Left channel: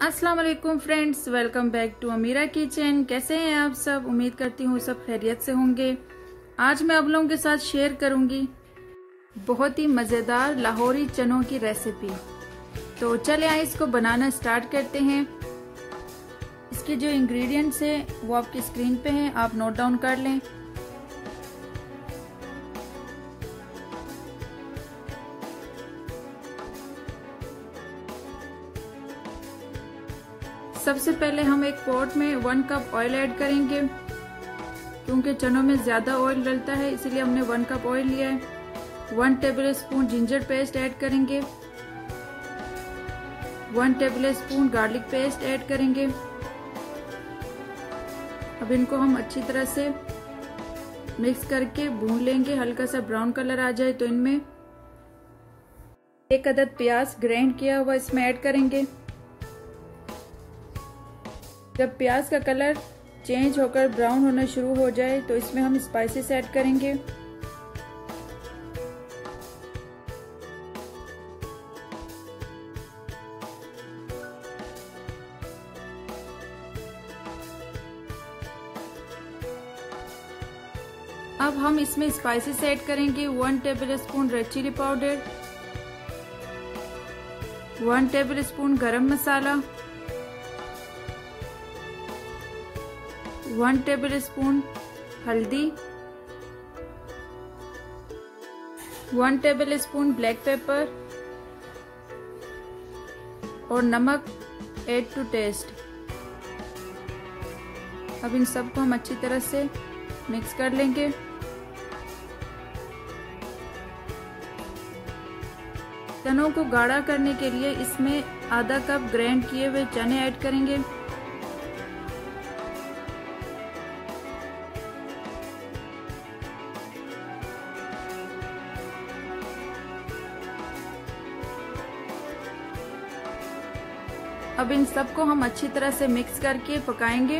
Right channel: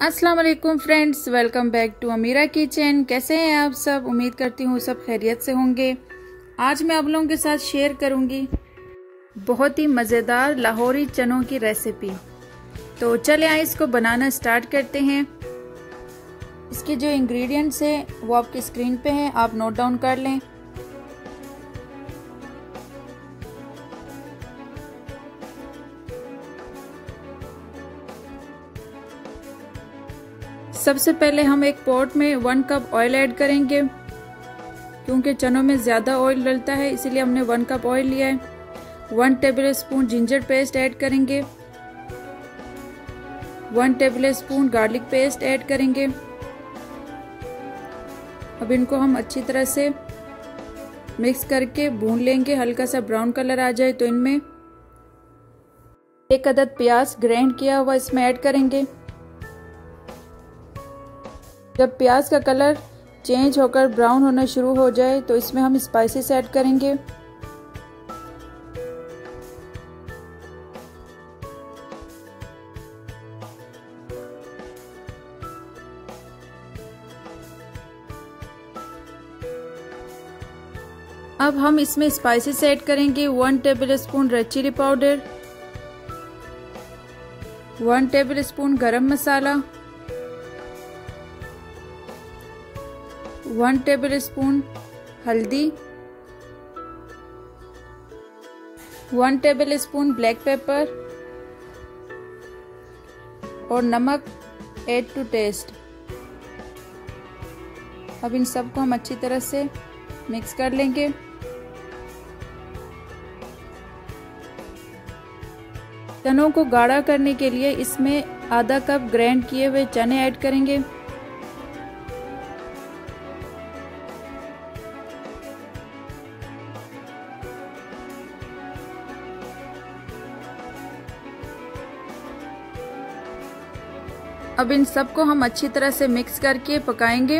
अस्सलाम वालेकुम friends, welcome back to Amira kitchen. कैसे हैं आप सब? उम्मीद करती हूँ सब खैरियत से होंगे। आज मैं आप लोगों के साथ शेयर करूंगी बहुत ही मज़ेदार लाहौरी चनों की रेसिपी। तो चले आए इसको बनाना स्टार्ट करते हैं। इसके जो इंग्रेडिएंट्स हैं वो आपकी स्क्रीन पे हैं, आप नोट डाउन कर लें। सबसे पहले हम एक पॉट में 1 कप ऑयल ऐड करेंगे। क्योंकि चनों में ज़्यादा ऑयल डलता है इसीलिए हमने 1 कप ऑयल लिया है। 1 table spoon ginger paste add करेंगे। 1 table spoon garlic paste add करेंगे। अब इनको हम अच्छी तरह से मिक्स करके भून लेंगे। हल्का सा ब्राउन कलर आ जाए तो इनमें 1 अदद प्याज ग्राइंड किया हुआ इसमें ऐड करेंगे। जब प्याज का कलर चेंज होकर ब्राउन होना शुरू हो जाए तो इसमें हम स्पाइसेस ऐड करेंगे। अब हम इसमें स्पाइसेस ऐड करेंगे। 1 tablespoon red chilli powder, 1 tablespoon garam masala, 1 table spoon हल्दी, 1 टेबल स्पून ब्लैक पेपर और नमक ऐड टू टेस्ट। अब इन सबको हम अच्छी तरह से मिक्स कर लेंगे। चनों को गाढ़ा करने के लिए इसमें आधा कप ग्राइंड किए हुए चने ऐड करेंगे। अब इन सबको हम अच्छी तरह से मिक्स करके पकाएंगे।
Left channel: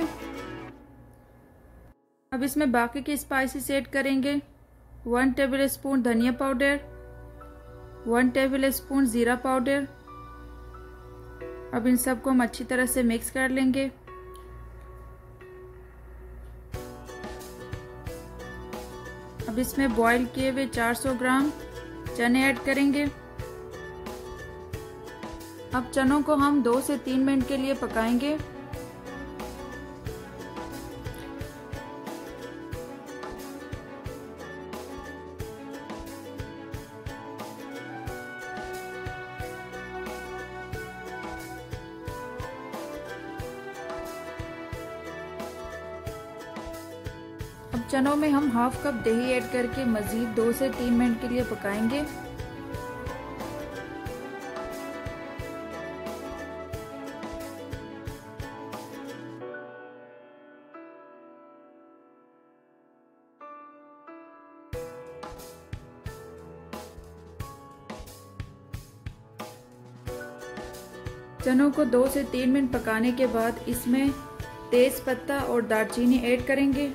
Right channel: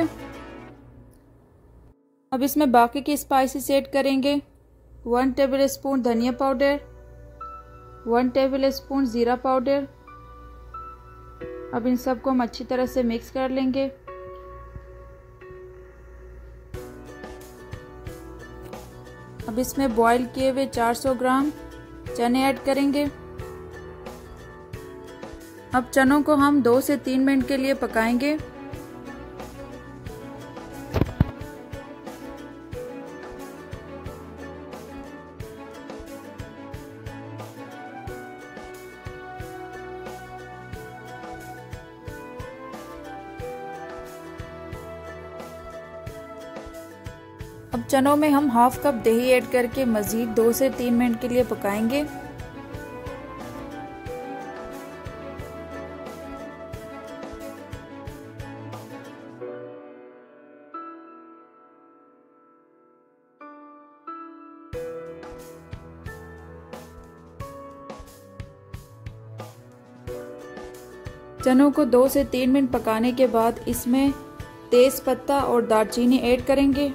अब इसमें बाकी की स्पाइसेस ऐड करेंगे। 1 टेबल स्पून धनिया पाउडर, 1 टेबल स्पून जीरा पाउडर। अब इन सबको हम अच्छी तरह से मिक्स कर लेंगे। अब इसमें बॉईल किए हुए 400 ग्राम चने ऐड करेंगे। अब चनों को हम 2 से 3 मिनट के लिए पकाएंगे। अब चनों में हम हाफ कप दही ऐड करके मज़ीद 2 से 3 मिनट के लिए पकाएंगे। चनों को 2 से 3 मिनट पकाने के बाद इसमें तेज पत्ता और दालचीनी ऐड करेंगे।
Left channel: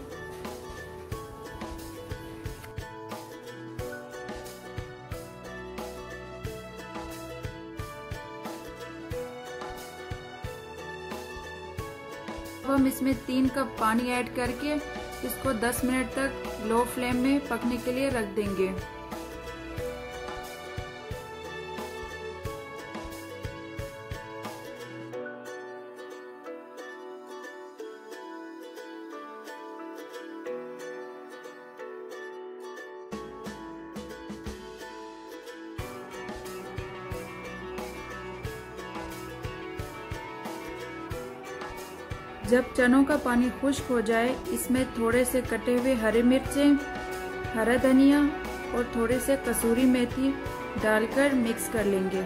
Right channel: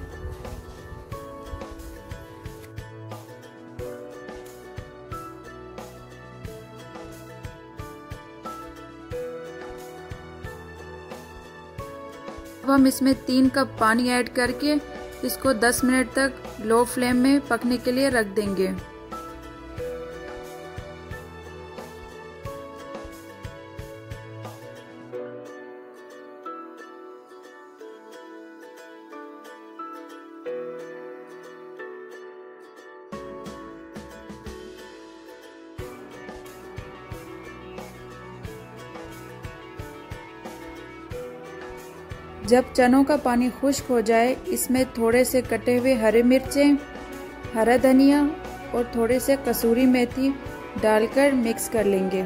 अब हम इसमें 3 कप पानी ऐड करके इसको 10 मिनट तक लो फ्लेम में पकने के लिए रख देंगे। जब चनों का पानी खुश्क हो जाए इसमें थोड़े से कटे हुए हरे मिर्चें, हरा धनिया और थोड़े से कसूरी मेथी डालकर मिक्स कर लेंगे।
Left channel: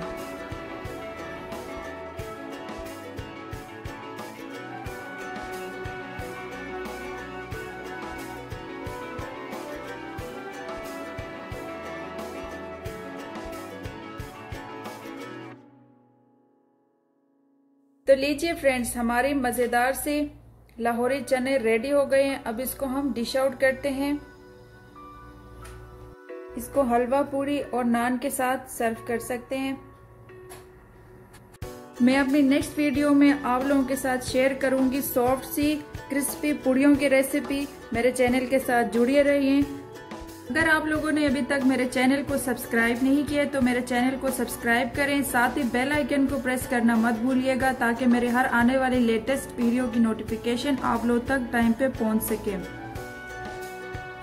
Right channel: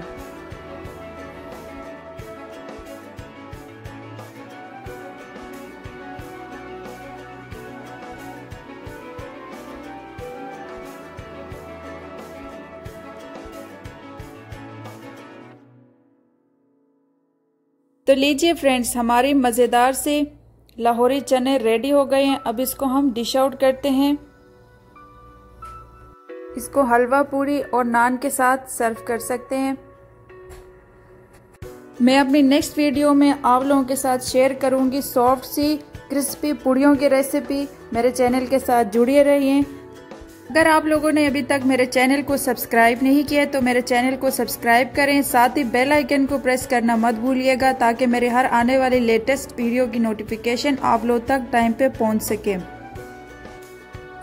तो लीजिए फ्रेंड्स, हमारे मज़ेदार से लाहौरी चने रेडी हो गए हैं। अब इसको हम डिश आउट करते हैं। इसको हलवा पूरी और नान के साथ सर्व कर सकते हैं। मैं अपनी नेक्स्ट वीडियो में आप लोगों के साथ शेयर करूंगी सॉफ्ट सी क्रिस्पी पूड़ियों की रेसिपी। मेरे चैनल के साथ जुड़े रहिए। अगर आप लोगों ने अभी तक मेरे चैनल को सब्सक्राइब नहीं किया तो मेरे चैनल को सब्सक्राइब करें, साथ ही बेल आइकन को प्रेस करना मत भूलिएगा ताकि मेरे हर आने वाली लेटेस्ट वीडियो की नोटिफिकेशन आप लोग तक टाइम पे पहुंच सके।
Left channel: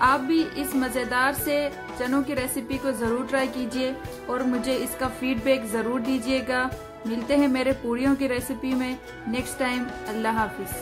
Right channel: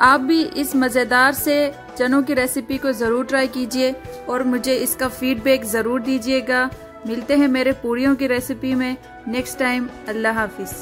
आप भी इस मज़ेदार से चनों की रेसिपी को ज़रूर ट्राई कीजिए और मुझे इसका फीडबैक ज़रूर दीजिएगा। मिलते हैं मेरे पूड़ियों की रेसिपी में नेक्स्ट टाइम। अल्लाह हाफिज़।